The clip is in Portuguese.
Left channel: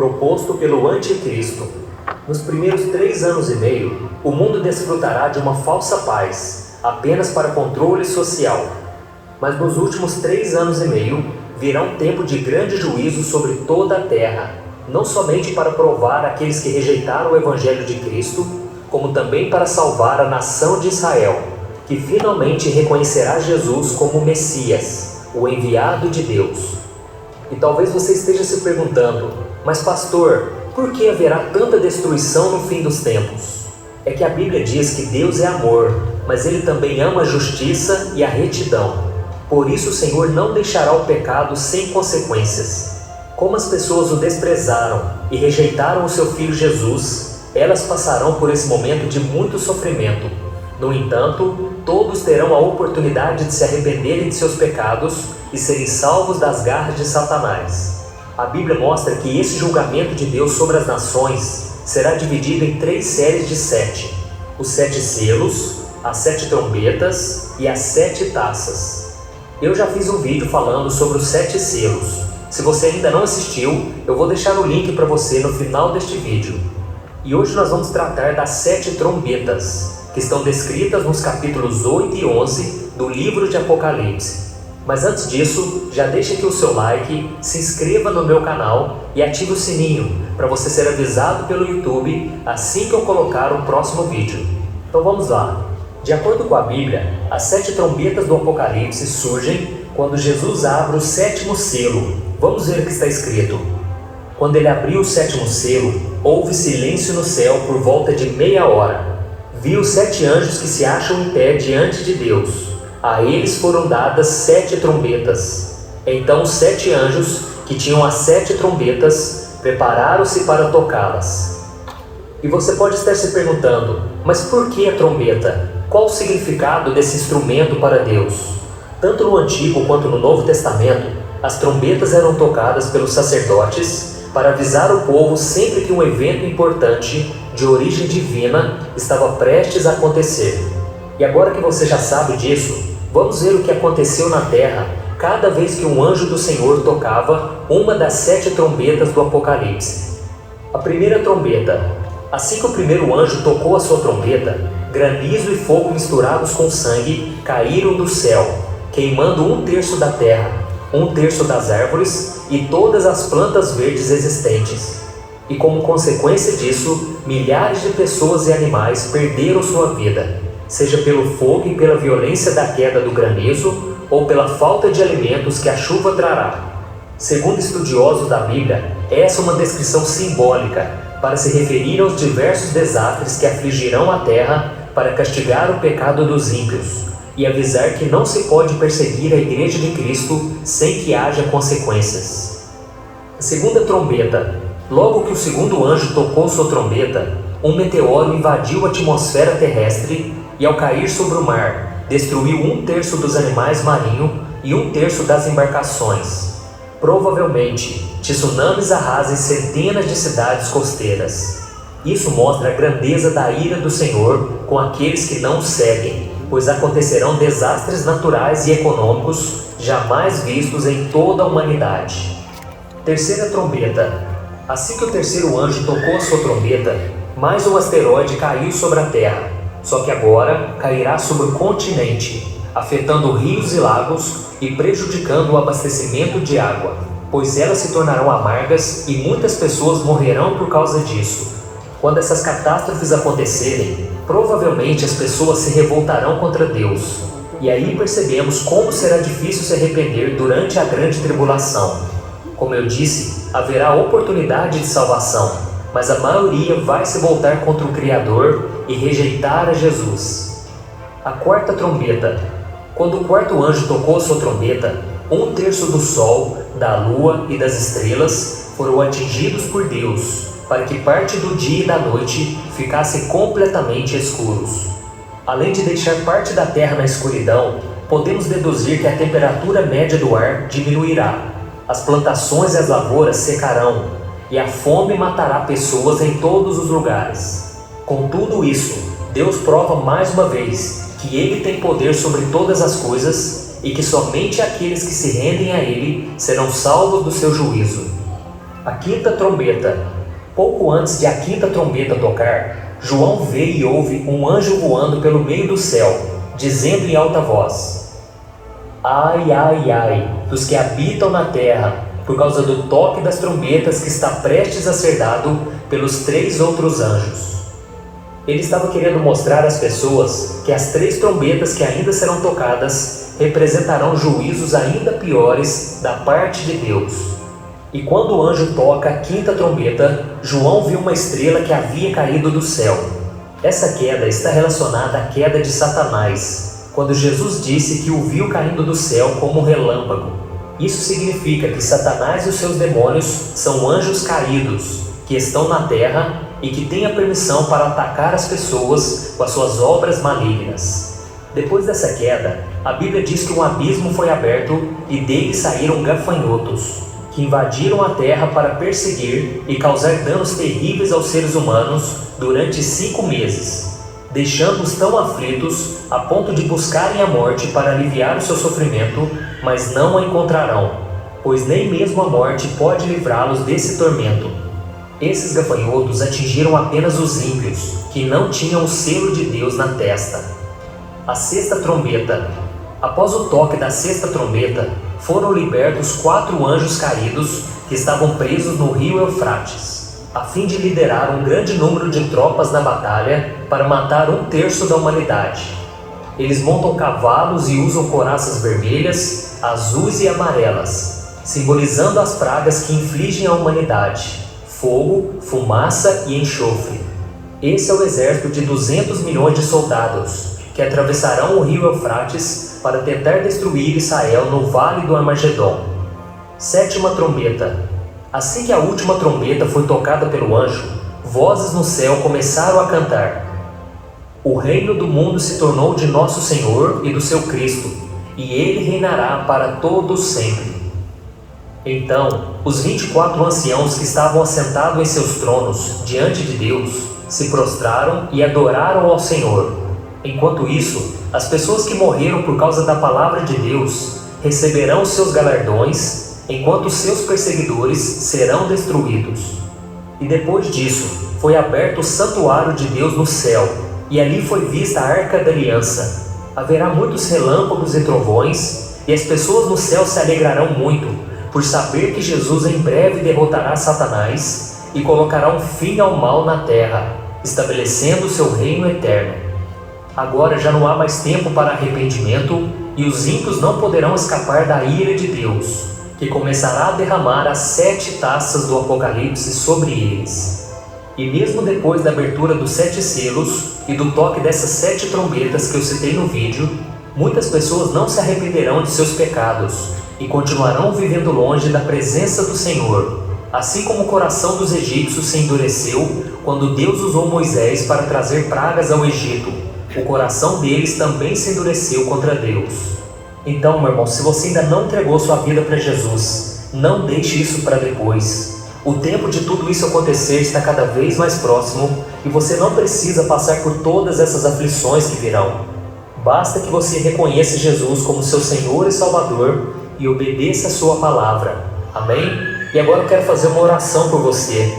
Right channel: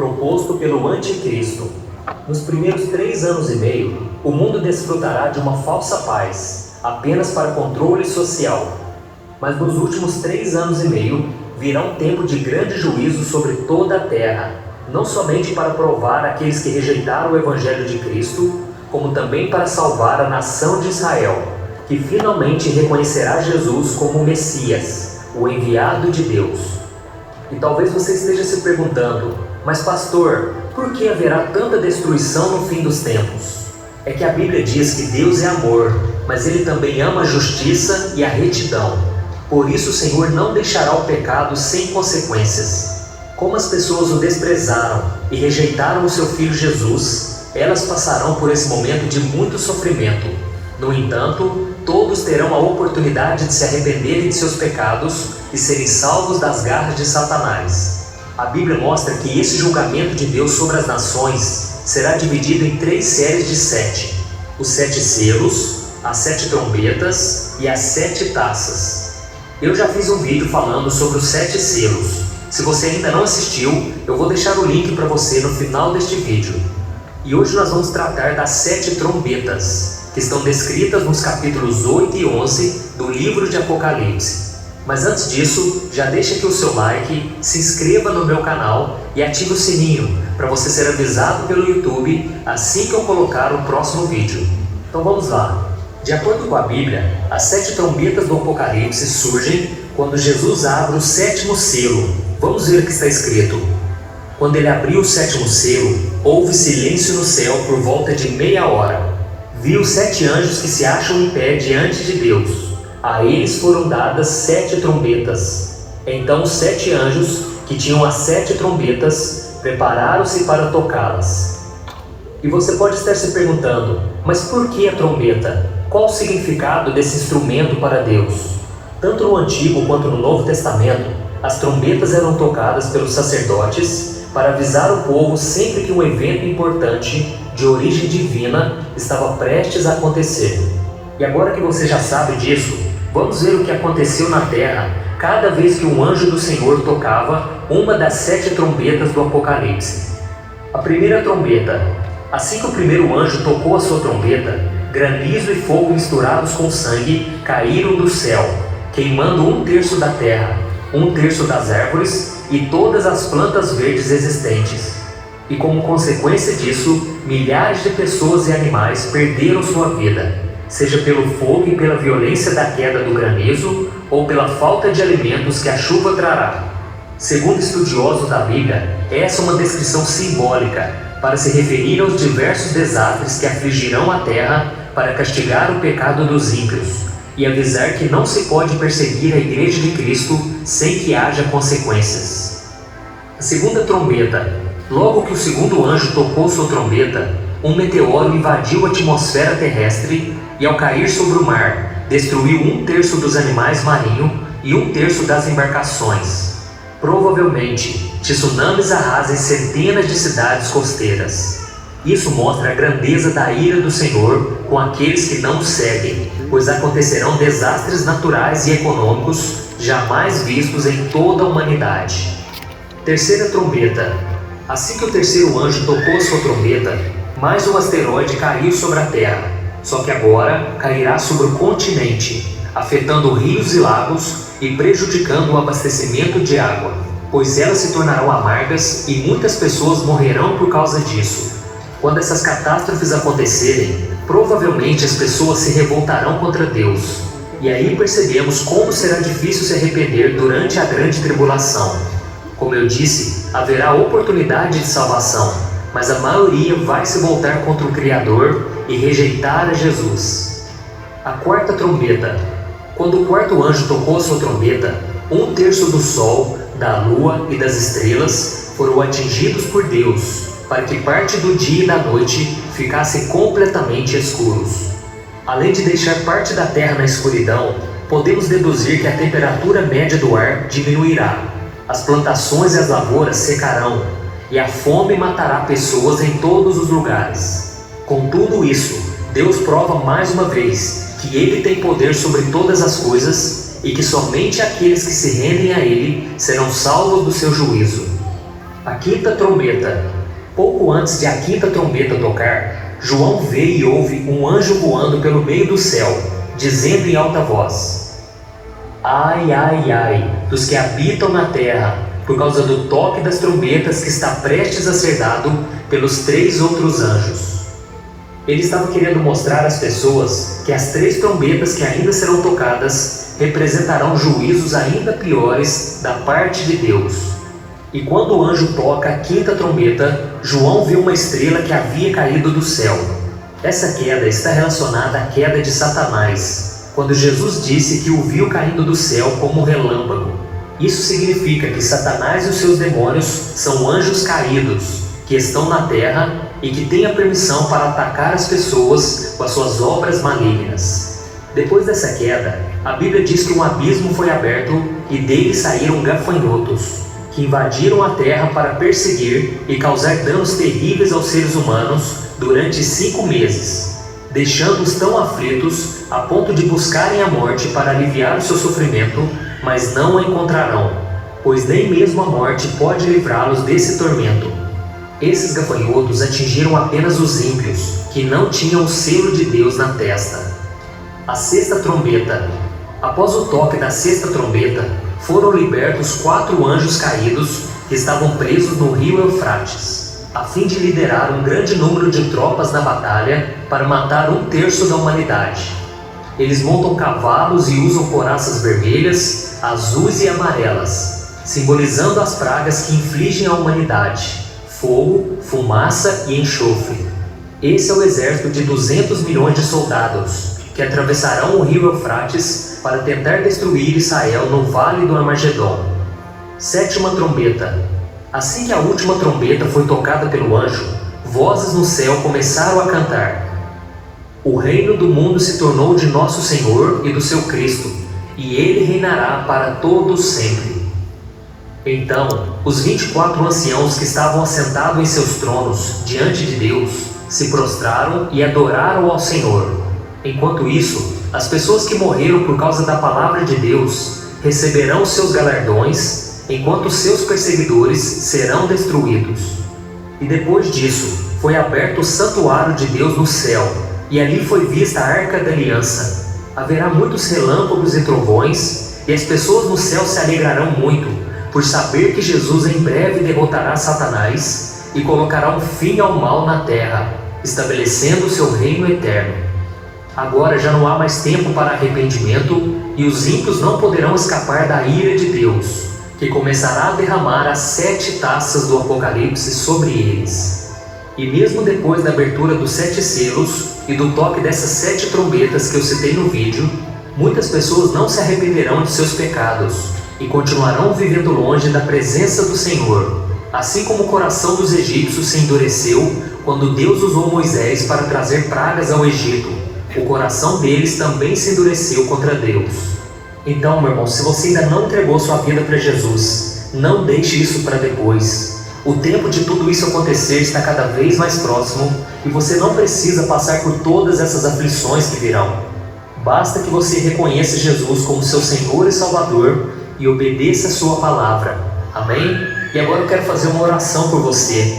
proposto pelo Anticristo. Nos primeiros 3 anos e meio, o mundo desfrutará de uma falsa paz, apenas para controle social. Mas nos últimos 3 anos e meio, virá um tempo de grande juízo sobre toda a terra, não somente para provar aqueles que rejeitaram o Evangelho de Cristo, como também para salvar a nação de Israel, que finalmente reconhecerá Jesus como o Messias, o enviado de Deus. E talvez você esteja se perguntando, mas pastor, por que haverá tanta destruição no fim dos tempos? É que a Bíblia diz que Deus é amor, mas Ele também ama a justiça e a retidão. Por isso o Senhor não deixará o pecado sem consequências. Como as pessoas o desprezaram e rejeitaram o seu Filho Jesus, elas passarão por esse momento de muito sofrimento. No entanto, todos terão a oportunidade de se arrependerem de seus pecados e serem salvos das garras de Satanás. A Bíblia mostra que esse julgamento de Deus sobre as nações será dividido em 3 séries de 7. Os 7 selos, as 7 trombetas e as 7 taças. Eu já fiz um vídeo falando sobre os 7 selos. Se você ainda não assistiu, eu vou deixar o link para você no final deste vídeo. E hoje nós vamos tratar das 7 trombetas, que estão descritas nos capítulos 8 e 11 do livro de Apocalipse. Mas antes disso, já deixa aqui o seu like, se inscreva no meu canal e ative o sininho para você ser avisado pelo YouTube assim que eu colocar o próximo vídeo. Então vamos lá. De acordo com a Bíblia, as 7 trombetas do Apocalipse surgem quando Jesus abre o 7º selo. Vamos ver o que está escrito. Quando ele abriu o 7º selo, houve silêncio no céu por volta de meia hora. Vi os 7 anjos que se acham em pé diante de Deus. A eles foram dadas 7 trombetas. Então os 7 anjos, que tinham as 7 trombetas, prepararam-se para tocá-las. E você pode estar se perguntando, mas por que a trombeta? Qual o significado desse instrumento para Deus? Tanto no Antigo quanto no Novo Testamento, as trombetas eram tocadas pelos sacerdotes para avisar o povo sempre que um evento importante de origem divina estava prestes a acontecer. E agora que você já sabe disso, vamos ver o que aconteceu na terra cada vez que um anjo do Senhor tocava uma das 7 trombetas do Apocalipse. A primeira trombeta. Assim que o primeiro anjo tocou a sua trombeta, granizo e fogo misturados com sangue caíram do céu, queimando 1/3 da terra, 1/3 das árvores e todas as plantas verdes existentes. E como consequência disso, milhares de pessoas e animais perderam sua vida, seja pelo fogo e pela violência da queda do granizo, ou pela falta de alimentos que a chuva trará. Segundo estudiosos da Bíblia, essa é uma descrição simbólica para se referir aos diversos desastres que afligirão a terra para castigar o pecado dos ímpios e avisar que não se pode perseguir a Igreja de Cristo sem que haja consequências. A segunda trombeta. Logo que o segundo anjo tocou sua trombeta, um meteoro invadiu a atmosfera terrestre e, ao cair sobre o mar, destruiu 1/3 dos animais marinhos e 1/3 das embarcações. Provavelmente, tsunamis arrasem centenas de cidades costeiras. Isso mostra a grandeza da ira do Senhor com aqueles que não o seguem, pois acontecerão desastres naturais e econômicos jamais vistos em toda a humanidade. Terceira trombeta. Assim que o terceiro anjo tocou sua trombeta, mais um asteroide caiu sobre a Terra, só que agora cairá sobre o continente, afetando rios e lagos e prejudicando o abastecimento de água, pois elas se tornarão amargas e muitas pessoas morrerão por causa disso. Quando essas catástrofes acontecerem, provavelmente as pessoas se revoltarão contra Deus. E aí percebemos como será difícil se arrepender durante a grande tribulação. Como eu disse, haverá oportunidade de salvação, mas a maioria vai se voltar contra o Criador e rejeitar a Jesus. A quarta trombeta. Quando o quarto anjo tocou sua trombeta, 1/3 do sol, da lua e das estrelas foram atingidos por Deus, para que parte do dia e da noite ficassem completamente escuros. Além de deixar parte da terra na escuridão, podemos deduzir que a temperatura média do ar diminuirá, as plantações e as lavouras secarão, e a fome matará pessoas em todos os lugares. Com tudo isso, Deus prova mais uma vez que Ele tem poder sobre todas as coisas e que somente aqueles que se rendem a Ele serão salvos do seu juízo. A quinta trombeta. Pouco antes de a quinta trombeta tocar, João vê e ouve um anjo voando pelo meio do céu, dizendo em alta voz: Ai, ai, ai, dos que habitam na terra, por causa do toque das trombetas que está prestes a ser dado pelos 3 outros anjos. Ele estava querendo mostrar às pessoas que as 3 trombetas que ainda serão tocadas representarão juízos ainda piores da parte de Deus. E quando o anjo toca a quinta trombeta, João viu uma estrela que havia caído do céu. Essa queda está relacionada à queda de Satanás, quando Jesus disse que o viu caindo do céu como um relâmpago. Isso significa que Satanás e os seus demônios são anjos caídos, que estão na terra e que têm a permissão para atacar as pessoas com as suas obras malignas. Depois dessa queda, a Bíblia diz que um abismo foi aberto e dele saíram gafanhotos, que invadiram a terra para perseguir e causar danos terríveis aos seres humanos durante 5 meses, deixando-os tão aflitos a ponto de buscarem a morte para aliviar o seu sofrimento, mas não a encontrarão, pois nem mesmo a morte pode livrá-los desse tormento. Esses gafanhotos atingiram apenas os ímpios, que não tinham o selo de Deus na testa. A sexta trombeta. Após o toque da sexta trombeta, foram libertos 4 anjos caídos que estavam presos no rio Eufrates, a fim de liderar um grande número de tropas na batalha para matar 1/3 da humanidade. Eles montam cavalos e usam couraças vermelhas, azuis e amarelas, simbolizando as pragas que infligem à humanidade: fogo, fumaça e enxofre. Esse é o exército de 200 milhões de soldados, que atravessarão o rio Eufrates para tentar destruir Israel no Vale do Armagedon. Sétima trombeta. Assim que a última trombeta foi tocada pelo anjo, vozes no céu começaram a cantar: O reino do mundo se tornou de nosso Senhor e do seu Cristo, e ele reinará para todos sempre. Então, os 24 anciãos que estavam assentados em seus tronos diante de Deus se prostraram e adoraram ao Senhor. Enquanto isso, as pessoas que morreram por causa da palavra de Deus receberão seus galardões, enquanto seus perseguidores serão destruídos. E depois disso, foi aberto o santuário de Deus no céu, e ali foi vista a Arca da Aliança. Haverá muitos relâmpagos e trovões, e as pessoas no céu se alegrarão muito, por saber que Jesus em breve derrotará Satanás e colocará um fim ao mal na terra, estabelecendo o seu reino eterno. Agora já não há mais tempo para arrependimento, e os ímpios não poderão escapar da ira de Deus, que começará a derramar as 7 taças do Apocalipse sobre eles. E mesmo depois da abertura dos 7 selos e do toque dessas 7 trombetas que eu citei no vídeo, muitas pessoas não se arrependerão de seus pecados e continuarão vivendo longe da presença do Senhor, assim como o coração dos egípcios se endureceu quando Deus usou Moisés para trazer pragas ao Egito. O coração deles também se endureceu contra Deus. Então, meu irmão, se você ainda não entregou sua vida para Jesus, não deixe isso para depois. O tempo de tudo isso acontecer está cada vez mais próximo e você não precisa passar por todas essas aflições que virão. Basta que você reconheça Jesus como seu Senhor e Salvador e obedeça a sua palavra. Amém? E agora eu quero fazer uma oração por você.